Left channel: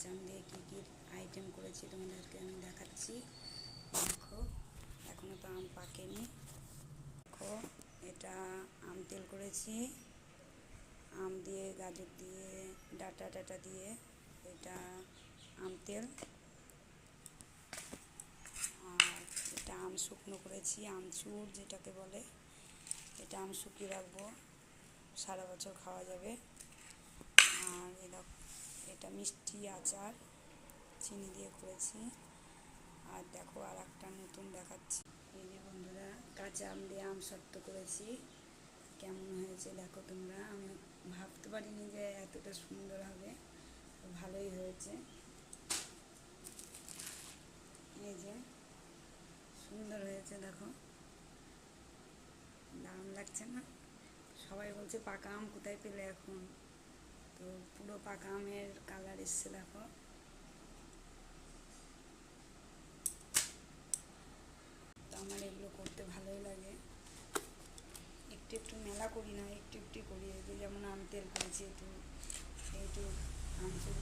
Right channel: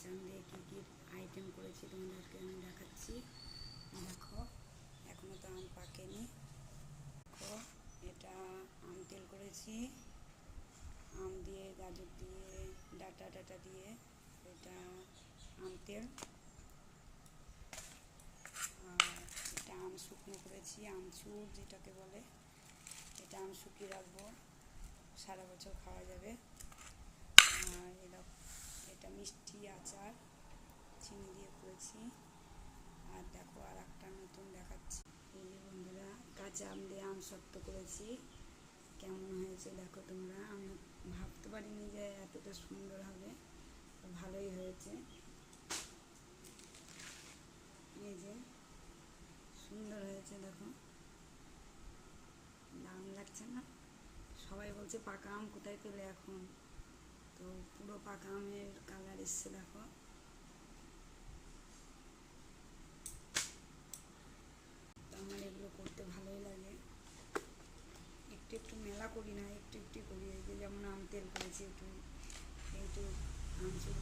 কাঁচা আম দিয়ে কী কী আইটেম করেছি তোমাদেরকে আমি দেখাচ্ছি। দেখো, এখনও তো আম পাকেনি। দেখো, এটা আম তেল করেছি, আম দিয়ে, গাজর দিয়ে, ডাটা দিয়ে, এটা আম তেল। আর এটা আম শুকনো করেছি, আমচুর যেটাকে বলে। এটা আম শুকিয়ে রাখবো, সারা বছর খাওয়া যাবে। আর এটা মিষ্টি আচার চিনি দিয়ে করেছি। আর দেখো, আর একটা নতুন দেখাচ্ছি। এই যে বন্ধুরা, কাঁচা আম দিয়ে আম সত্ত্ব করেছি। কেমন হয়েছে দেখো তোমরা। আমি ভাবতে পারিনি যে এতটা সুন্দর হবে, তো ভালোই হয়েছে। এই যে সুন্দর হয়েছে, দেখো, দারুণ লাগছে না? সবাই বলছে পাকা আম কোথায় পেলে এখন, তো পুরো পাকা আমের কালার এসছে দেখো। তো আমার এগুলো করতে ভালোই লাগে। একটু একটু মেলা করি না, একটু একটু করি। এই যে যেমন আম তেল করেছি, একটু আমচুর